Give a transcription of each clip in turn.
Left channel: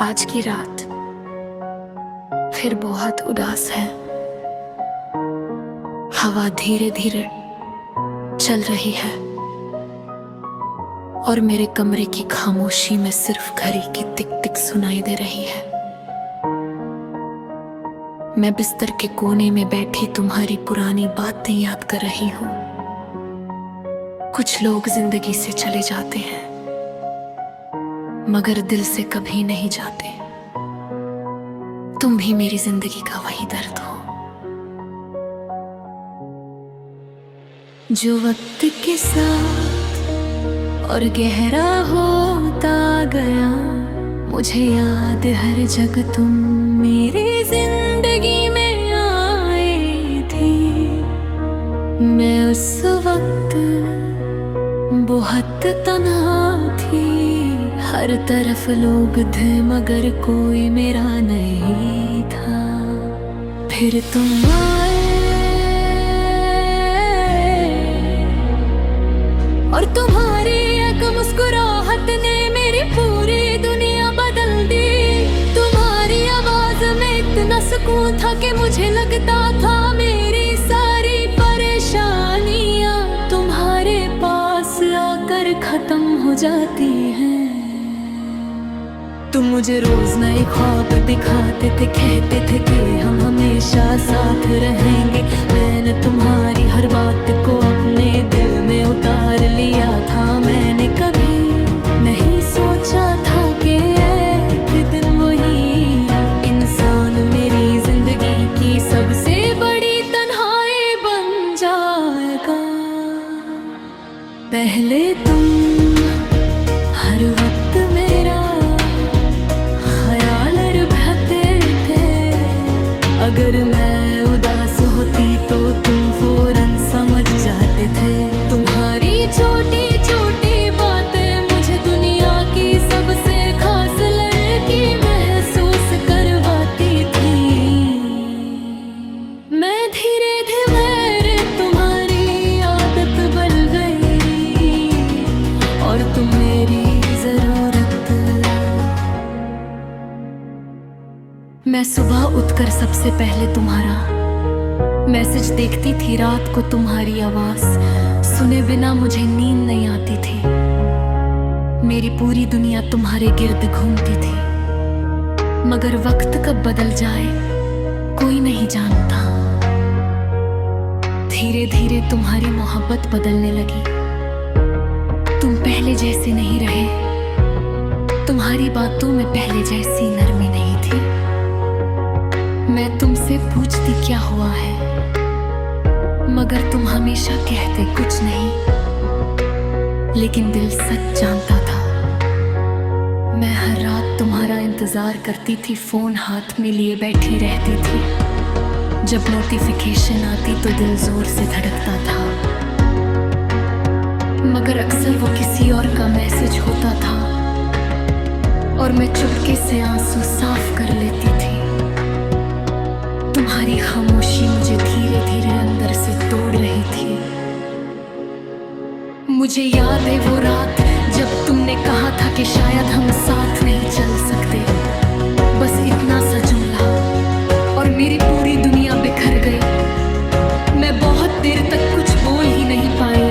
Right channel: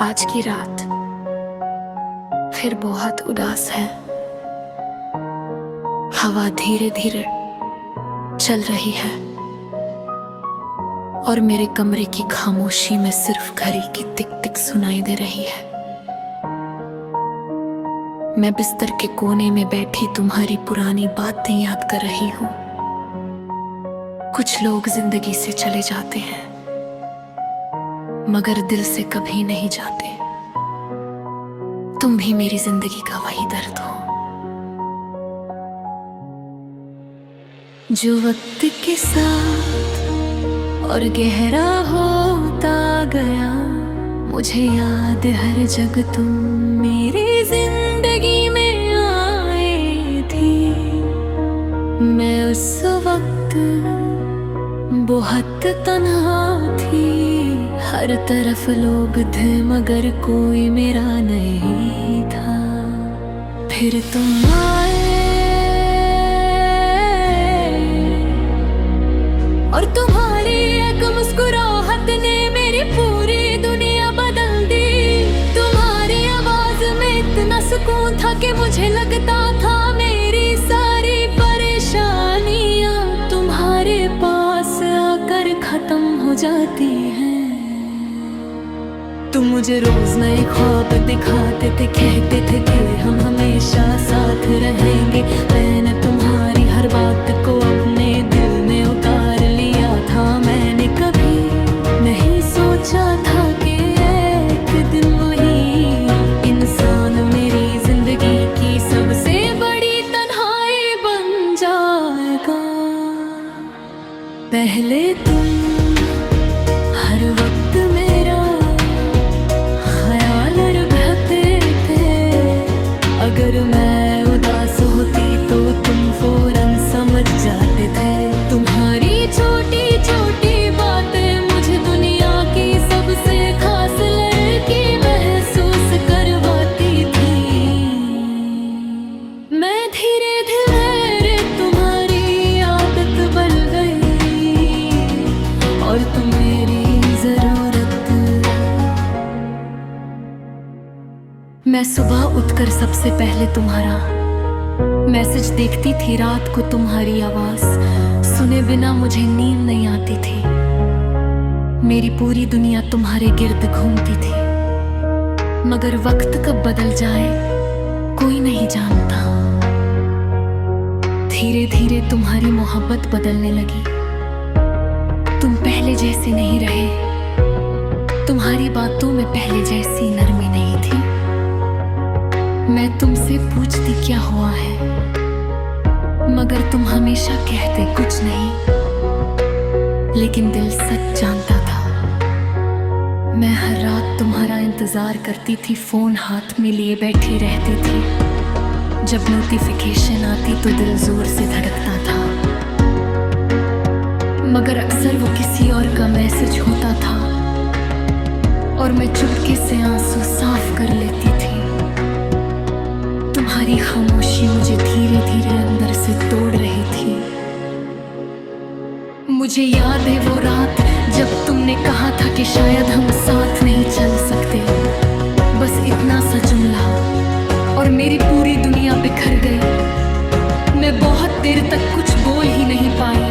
आज की रात फिर बहुत उदास है। हवा धीरे धीरे चल रही है और मेरे कमरे की खामोशी में सिर्फ घड़ी की टिक टिक सुनाई दे रही है। मैं बिस्तर के कोने में बैठी तुम्हारी पुरानी बातें याद कर रही हूं। कुछ लोग जिंदगी से चले जाते हैं मगर दिल से कभी नहीं जाते। तुम भी मेरी जिंदगी का वही दर्द हो जो वक्त के साथ और गहरा होता गया। मुझे याद हर जग तुम मेरी जिंदगी में आए थी। मैं उस वक्त बहुत तन्हा थी। हर तरफ लोग थे मगर कोई मेरा नहीं था। फिर तुम आए और तुम्हारी एक मुस्कुराहट ने मेरी पूरी दुनिया बदल दी। तुम्हारी आवाज में इतना सुकून था कि मुझे लगता था मेरी सारी परेशानियां तुम्हारे पास आकर खत्म हो जाती हैं। तुम मुझे रोज नए ख्वाब दिखाते थे, कहते थे कि हम हमेशा साथ रहेंगे। मैंने तुम्हारी हर बात को अपने दिल में उतार लिया था। मैंने कभी नहीं सोचा था कि एक दिन वही इंसान मेरी जिंदगी की सबसे बड़ी तन्हाई बन जाएगा। पहले तुम हर वक्त मेरा ख्याल रखते थे। अगर मैं उदास होती तो तुम फौरन समझ जाते थे। तुम्हारी छोटी छोटी बातें मुझे दुनिया की सबसे खास लड़की महसूस करवाती थी। मैं धीरे धीरे तुम्हारी आदत बन गई और तुम मेरी जरूरत। मैं सुबह उठकर सबसे पहले तुम्हारा मैसेज देखती थी। रात को तुम्हारी आवाज सुने बिना मुझे नींद नहीं आती थी। मेरी पूरी दुनिया तुम्हारे गिर्द घूमती थी मगर वक्त कब बदल जाए कोई नहीं जानता। धीरे धीरे तुम्हारी मोहब्बत बदलने लगी। तुम पहले जैसे नहीं रहे। तुम्हारी बातों में पहले जैसी नरमी नहीं थी। मैं तुमसे पूछती क्या हुआ है मगर तुम हमेशा कहते कुछ नहीं। लेकिन दिल सच जानता था। मैं हर रात तुम्हारा इंतजार करती थी। फोन हाथ में लिए बैठी रहती थी। जब नोटिफिकेशन आती तो दिल जोर से धड़कता था मगर अक्सर वो किसी और का मैसेज होता था और मैं चुपके से आंसू साफ कर लेती थी। तुम्हारी खामोशी मुझे धीरे धीरे अंदर से तोड़ रही थी। मुझे याद है वो रात जब तुमने कहा था कि शायद हम साथ नहीं चल सकते। बस इतना सा जुमला और मेरी पूरी दुनिया बिखर गई। मैं बहुत देर तक कुछ बोल ही नहीं पाई।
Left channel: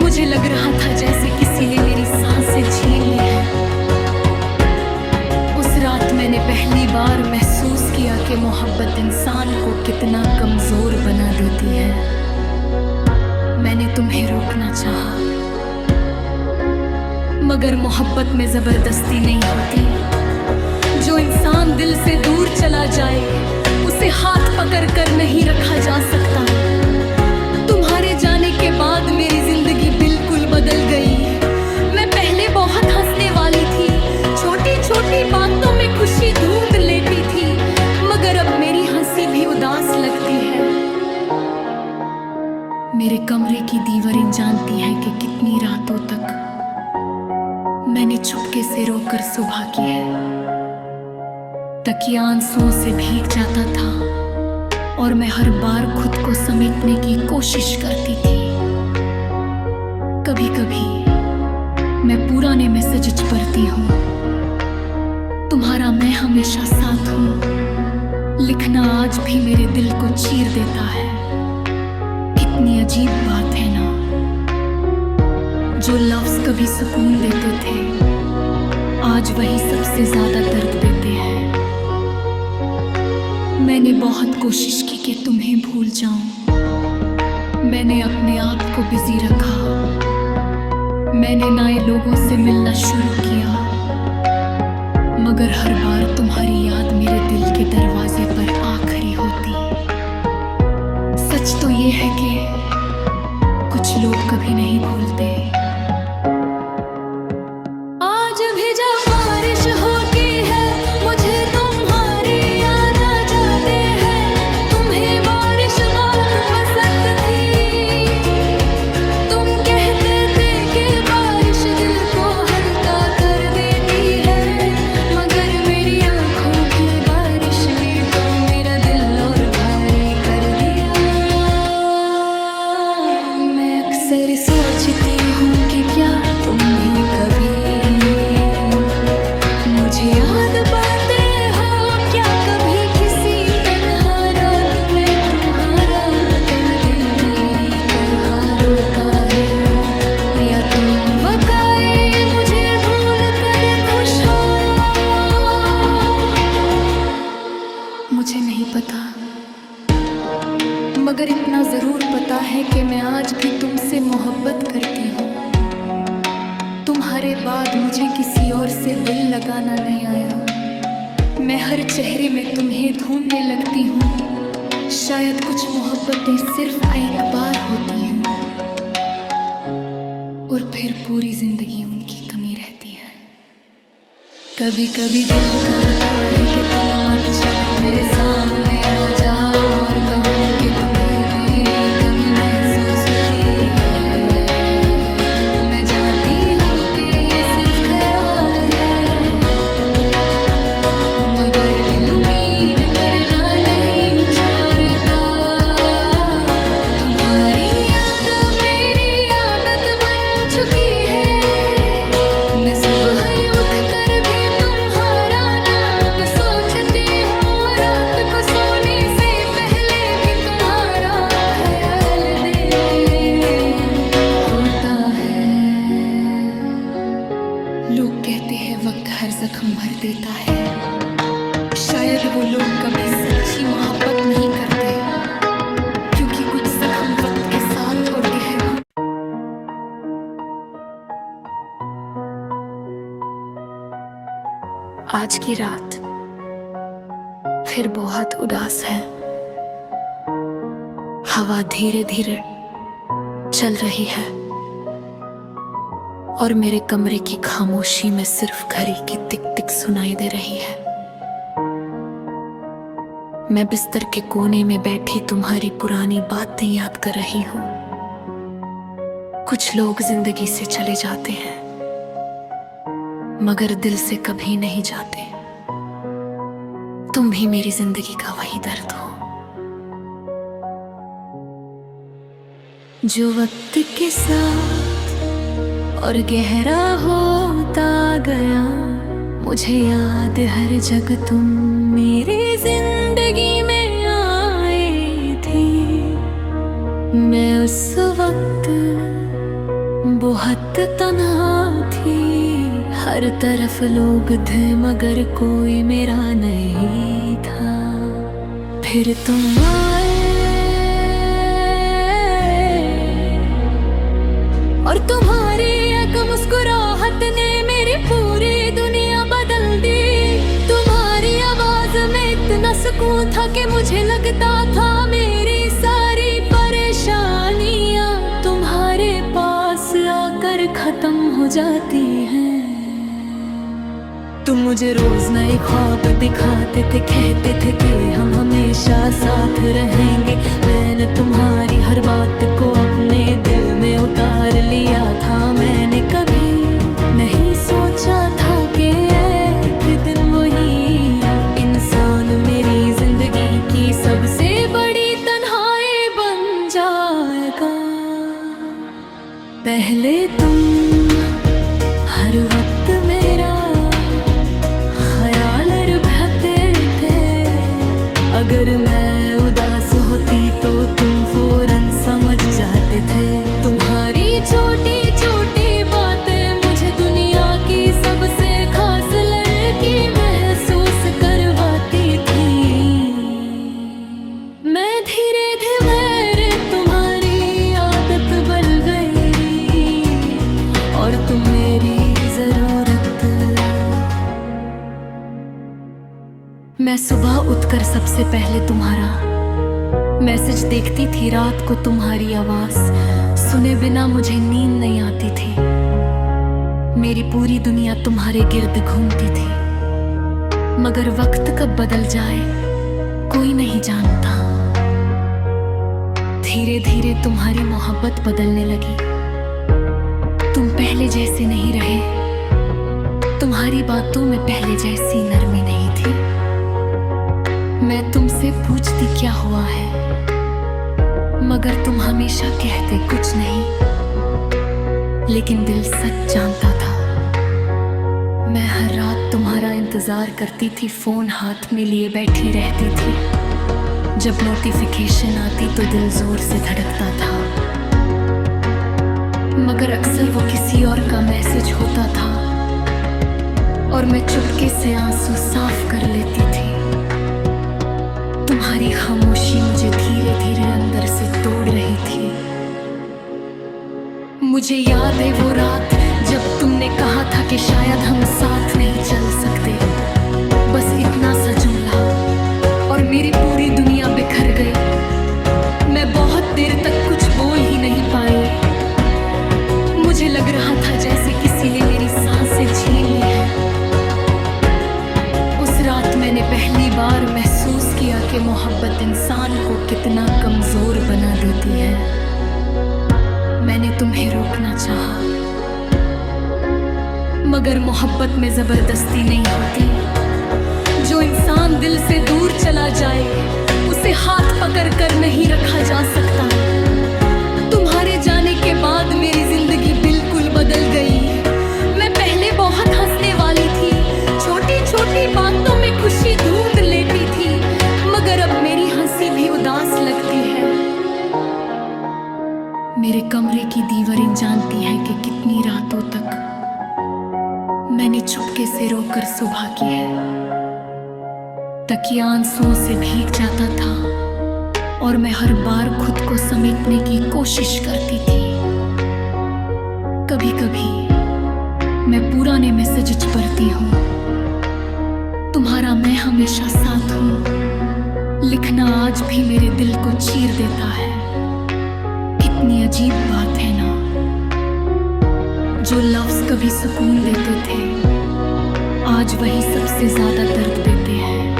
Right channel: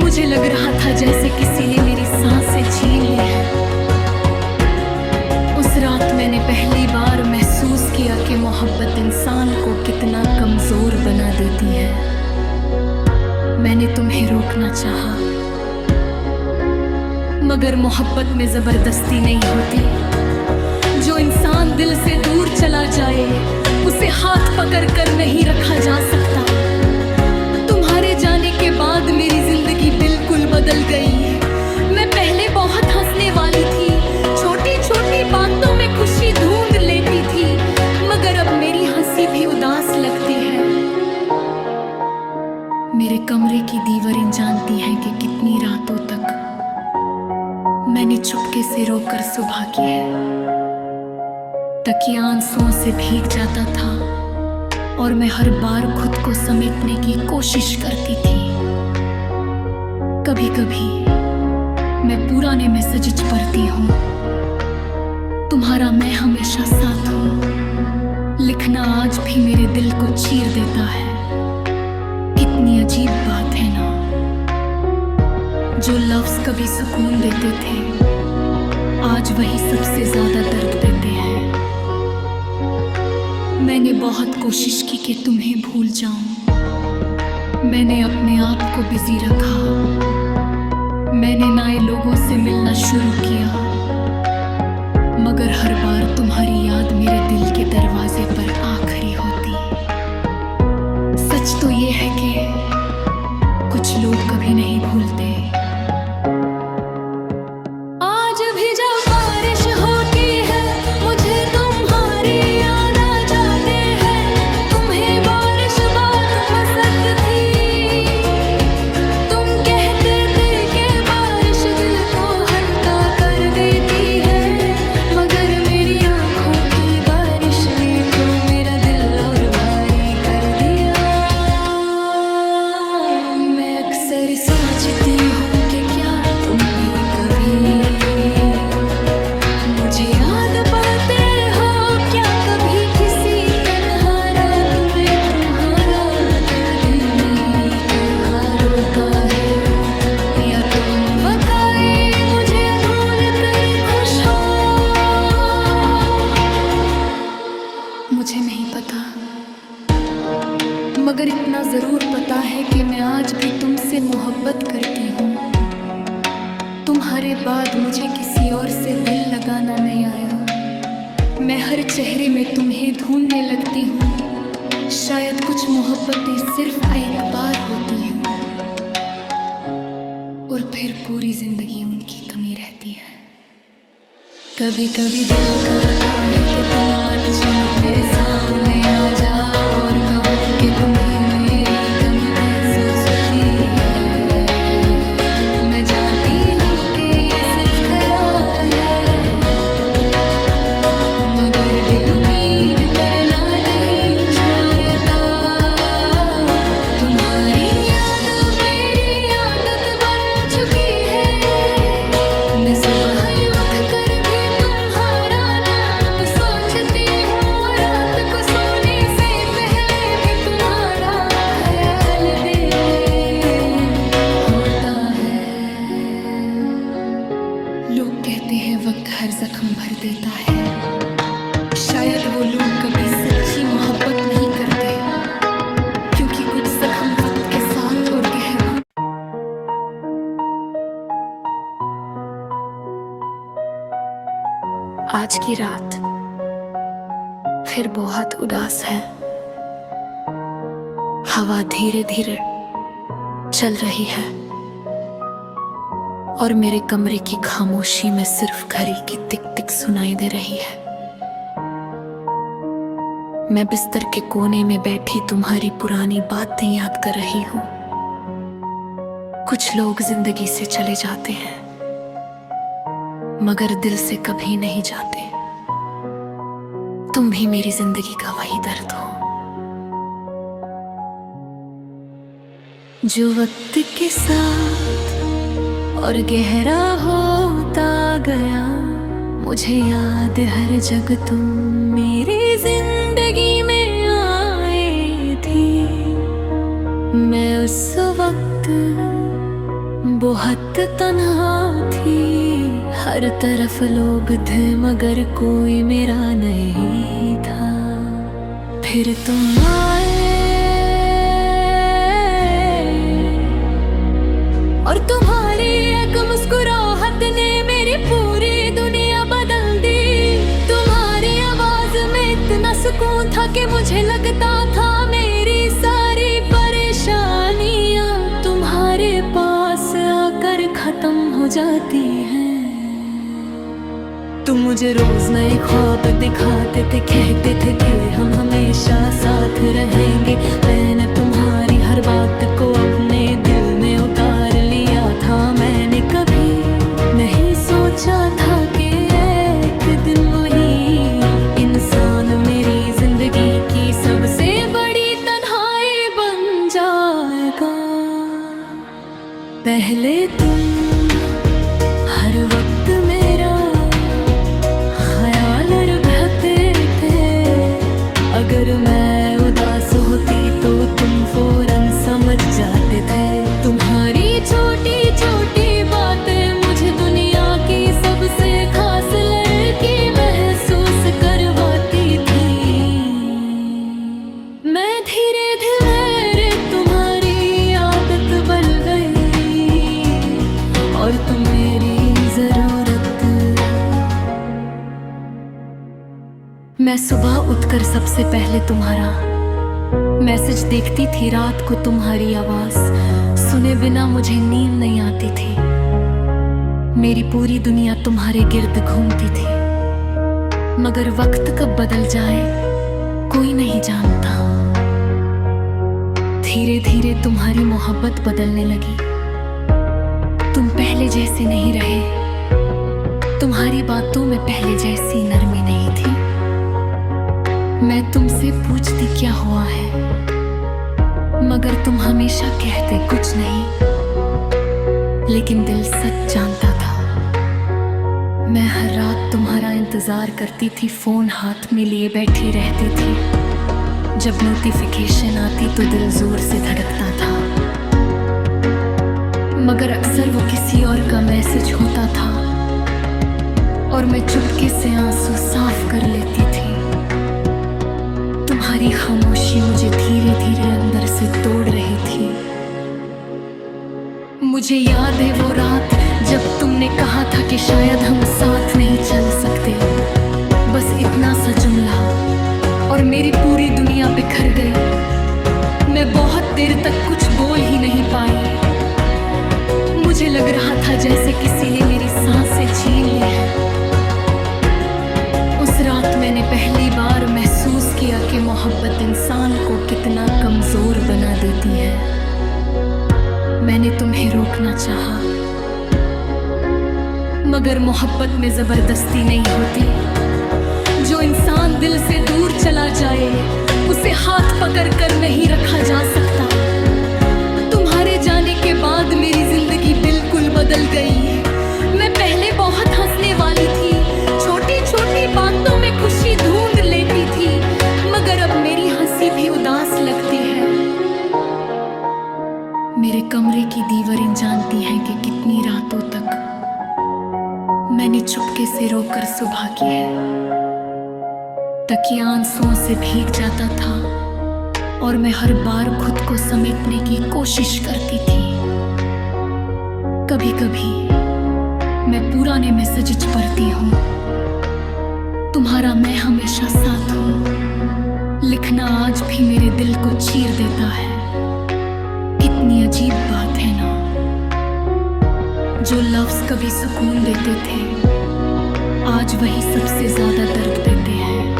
मुझे लग रहा था जैसे किसी ने मेरी सांसें छीन ली है। उस रात मैंने पहली बार महसूस किया कि मोहब्बत इंसान को कितना कमजोर बना देती है। मैंने तुम्हें रोकना चाहा मगर मोहब्बत में जबरदस्ती नहीं होती। जो इंसान दिल से दूर चला जाए उसे हाथ पकड़ कर नहीं रखा जा सकता। तुम्हारे जाने के बाद मेरी जिंदगी बिल्कुल बदल गई। मैं पहले बहुत हंसने वाली थी। छोटी छोटी बातों में खुशी ढूंढ लेती थी मगर अब मेरी हंसी भी उदास लगती है। मेरे कमरे की दीवारें जानती हैं कि कितनी रातों तक मैंने चुपके से रोकर सुबह की है। तकिया आंसुओं से भीग जाता था और मैं हर बार खुद को समेटने की कोशिश करती थी। कभी कभी मैं पुराने मैसेज पढ़ती हूँ तुम्हारा मैं हमेशा साथ हूं। लिखना आज भी मेरे दिल को चीर देता है। कितनी अजीब बात है ना, जो लफ्ज कभी सुकून देते थे आज वही सबसे ज्यादा दर्द देते हैं। मैंने बहुत कोशिश की कि तुम्हें भूल जाऊं। मैंने अपने आप को बिजी रखा। मैंने नए लोगों से मिलना शुरू किया, मगर हर बार तुम्हारी याद मेरे दिल के दरवाजे पर आ खड़ी होती। सच तो ये है कि कुछ लोग कभी नहीं भूलते। आज भी जब बारिश होती है मुझे तुम्हारी याद आ जाते हैं। तुम्हें बारिश बात पसंद थी। तुम कहते थे कि बारिश दिल को हल्का कर देती है, मगर मेरी आंखों की बारिश ने तो मेरा दिल और भारी कर दिया। मैं अक्सर सोचती हूँ कि क्या तुम भी कभी मुझे याद पाते हो। क्या कभी किसी तन्हा रात में तुम्हारा दर्द मेरी तरह रोता है, या तुम वाकई मुझे भूल कर खुश हो। मुझे नहीं पता, मगर इतना जरूर पता है कि मैं आज भी तुमसे मोहब्बत करती हूँ। तुम्हारे बाद मुझे किसी और से दिल लगाना नहीं आया। मैं हर चेहरे में तुम्हें ढूंढने लगती हूँ। शायद कुछ मोहब्बतें सिर्फ एक बार होती हैं और फिर पूरी जिंदगी उनकी कमी रहती है। कभी कभी दिल कहता है कि तुम अचानक मेरे सामने आ जाओ और कहो कि तुम्हें मेरी कमी महसूस होती है। मैं जानती हूँ कि ये सिर्फ ख्याल है, मगर दिल उम्मीद करना नहीं छोड़ता। तुम्हारी याद मेरी आदत बन चुकी है। मैं सुबह ही उठ कर भी तुम्हारा नाम सोचती हूँ। रात को सोने से पहले भी तुम्हारा ख्याल दिल में होता है। लोग कहते हैं वक्त हर जख्म भर देता है। शायद वो लोग कभी सच्ची मोहब्बत नहीं करते, क्योंकि कुछ जख्म वक्त के साथ और गहरे हों। आज की रात फिर बहुत उदास है। हवा धीरे धीरे चल रही है और मेरे कमरे की खामोशी में सिर्फ घड़ी की टिक टिक सुनाई दे रही है। मैं बिस्तर के कोने में बैठी तुम्हारी पुरानी बातें याद कर रही हूँ। कुछ लोग जिंदगी से चले जाते हैं, मगर दिल से कभी नहीं जाते। तुम भी मेरी जिंदगी का वही दर्द हो जो वक्त के साथ और गहरा होता गया। मुझे याद हर जग तुम मेरी जिंदगी में आए थी। मैं उस वक्त बहुत तन्हा थी। हर तरफ लोग थे मगर कोई मेरा नहीं था। फिर तुम आए और तुम्हारी एक मुस्कुराहट ने मेरी पूरी दुनिया बदल दी। तुम्हारी आवाज में इतना सुकून था कि मुझे लगता था मेरी सारी परेशानियां तुम्हारे पास आकर खत्म हो जाती हैं। तुम मुझे रोज नए ख्वाब दिखाते थे, कहते थे कि हम हमेशा साथ रहेंगे। मैंने तुम्हारी हर बात को अपने दिल में उतार लिया था। मैंने कभी नहीं सोचा था कि एक दिन वही इंसान मेरी जिंदगी की सबसे बड़ी तन्हाई बन जाएगा। पहले तुम हर वक्त मेरा ख्याल अगर मैं उदास होती तो तुम फौरन समझ जाते थे। तुम्हारी छोटी छोटी बातें मुझे दुनिया की सबसे खास लड़की महसूस करवाती थी। मैं धीरे धीरे तुम्हारी आदत बन गई और तुम मेरी जरूरत। मैं सुबह उठकर सबसे पहले तुम्हारा मैसेज देखती थी। रात को तुम्हारी आवाज सुने बिना मुझे नींद नहीं आती थी। मेरी पूरी दुनिया तुम्हारे गिर्द घूमती थी, मगर वक्त कब बदल जाए कोई नहीं जानता। धीरे धीरे तुम्हारी मोहब्बत बदलने लगी। तुम पहले जैसे नहीं रहे। तुम्हारी बातों में पहले जैसी नरमी नहीं थी। मैं तुमसे पूछती क्या हुआ है, मगर तुम हमेशा कहते कुछ नहीं। लेकिन दिल सच जानता था। मैं हर रात तुम्हारा इंतजार करती थी, फोन हाथ में लिए बैठी रहती थी। जब नोटिफिकेशन आती तो दिल जोर से धड़कता था, मगर अक्सर वो किसी और का मैसेज होता था और मैं चुपके से आंसू साफ कर लेती थी। तुम्हारी खामोशी मुझे धीरे धीरे अंदर से तोड़ रही थी। मुझे याद है वो रात जब तुमने कहा था कि शायद हम साथ नहीं चल सकते। बस इतना सा जुमला और मेरी पूरी दुनिया बिखर गई। मैं बहुत देर तक कुछ बोल ही नहीं पाई। मुझे लग रहा था जैसे किसी ने मेरी सांसें छीन ली है। उस रात मैंने पहली बार महसूस किया कि मोहब्बत इंसान को कितना कमजोर बना देती है। मैंने तुम्हें रोकना चाहा, मगर मोहब्बत में जबरदस्ती नहीं होती। जो इंसान दिल से दूर चला जाए उसे हाथ पकड़ कर नहीं रखा जा सकता। तुम्हारे जाने के बाद मेरी जिंदगी बिल्कुल बदल गई। मैं पहले बहुत हंसने वाली थी, छोटी छोटी बातों में खुशी ढूंढ लेती थी, मगर अब मेरी हंसी भी उदास लगती है। मेरे कमरे की दीवारें जानती हैं कि कितनी रातों तक मैंने चुपके से रोकर सुबह की है। तकिया आंसुओं से भीग जाता था और मैं हर बार खुद को समेटने की कोशिश करती थी। कभी कभी मैं पुराने मैसेज पढ़ती हूँ। तुम्हारा मैं हमेशा साथ हूँ लिखना आज भी मेरे दिल को चीर देता है। कितनी अजीब बात है ना, जो लफ्ज कभी सुकून देते थे आज वही सबसे ज्यादा दर्द देते हैं।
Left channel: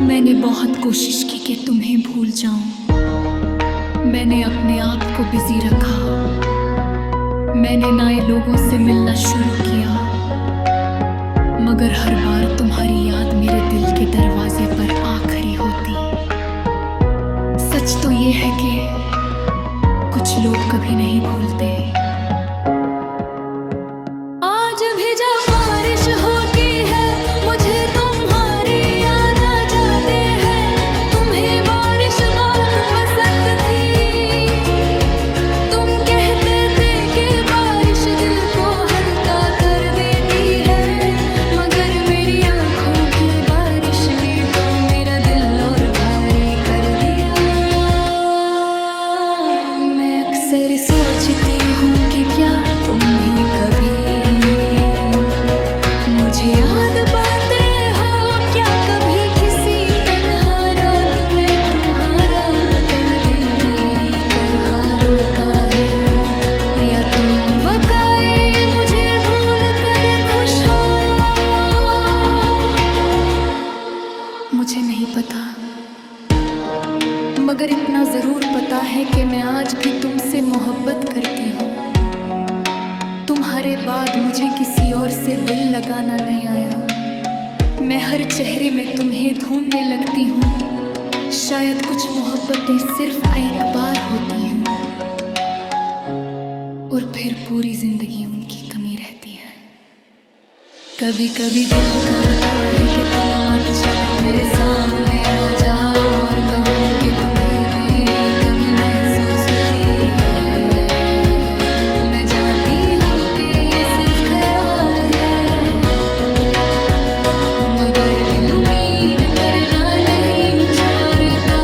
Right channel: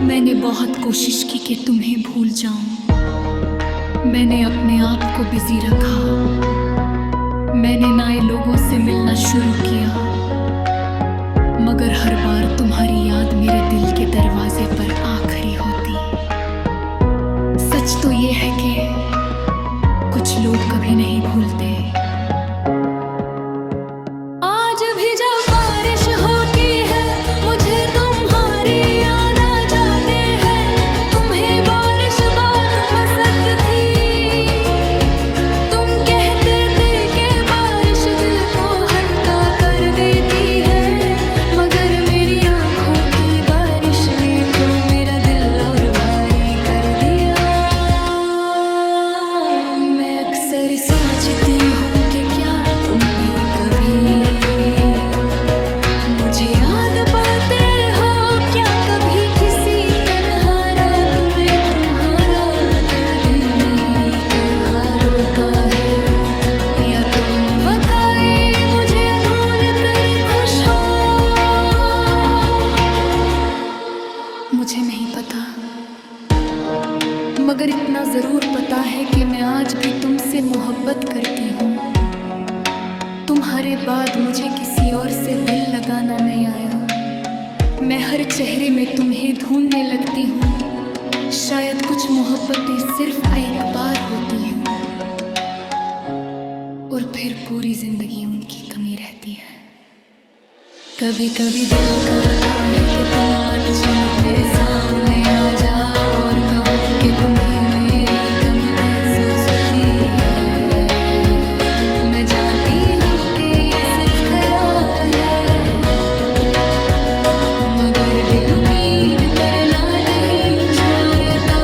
मैंने बहुत कोशिश की कि तुम्हें भूल जाऊं। मैंने अपने आप को बिजी रखा। मैंने नए लोगों से मिलना शुरू किया, मगर हर बार तुम्हारी याद मेरे दिल के दरवाजे पर आ खड़ी होती। सच तो ये है कि कुछ लोग कभी नहीं भूलते। आज भी जब बारिश होती है मुझे तुम्हारी याद आ जाते हैं। तुम्हें बारिश बात पसंद थी। तुम कहते थे कि बारिश दिल को हल्का कर देती है, मगर मेरी आंखों की बारिश ने तो मेरा दिल और भारी कर दिया। मैं अक्सर सोचती हूँ कि क्या तुम भी कभी मुझे याद पाते हो। क्या कभी किसी तन्हा रात में तुम्हारा दर्द मेरी तरह रोता है, या तुम वाकई मुझे भूल कर खुश हो। मुझे नहीं पता, मगर इतना जरूर पता है कि मैं आज भी तुमसे मोहब्बत करती हूँ। तुम्हारे बाद मुझे किसी और से दिल लगाना नहीं आया। मैं हर चेहरे में तुम्हें ढूंढने लगती हूँ। शायद कुछ मोहब्बतें सिर्फ एक बार होती हैं और फिर पूरी जिंदगी उनकी कमी रहती है। कभी कभी दिल कहता है कि तुम अचानक मेरे सामने आ जाओ और कहो कि तुम्हें मेरी कमी महसूस होती है। मैं जानती हूँ कि ये सिर्फ ख्याल है, मगर दिल उम्मीद करना नहीं छोड़ता।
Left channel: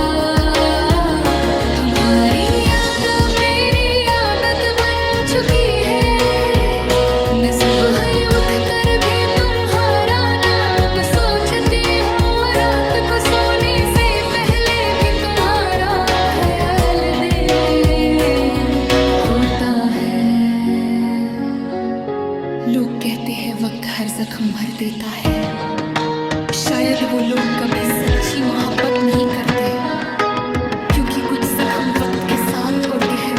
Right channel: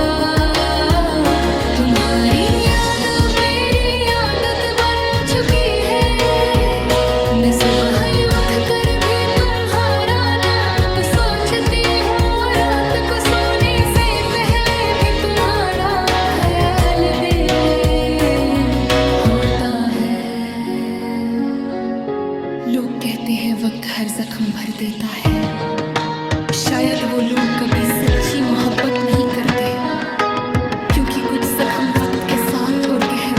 तुम्हारी आदत मेरी आदत बन चुकी है। मैं सुबह ही उठ कर भी तुम्हारा नाम सोचती हूँ, रात को सोने से पहले भी तुम्हारा ख्याल दिल में होता है। लोग कहते हैं वक्त हर जख्म भर देता है, शायद वो लोग कभी सच्ची मोहब्बत नहीं करते, क्योंकि कुछ जख्म वक्त के साथ और गहरे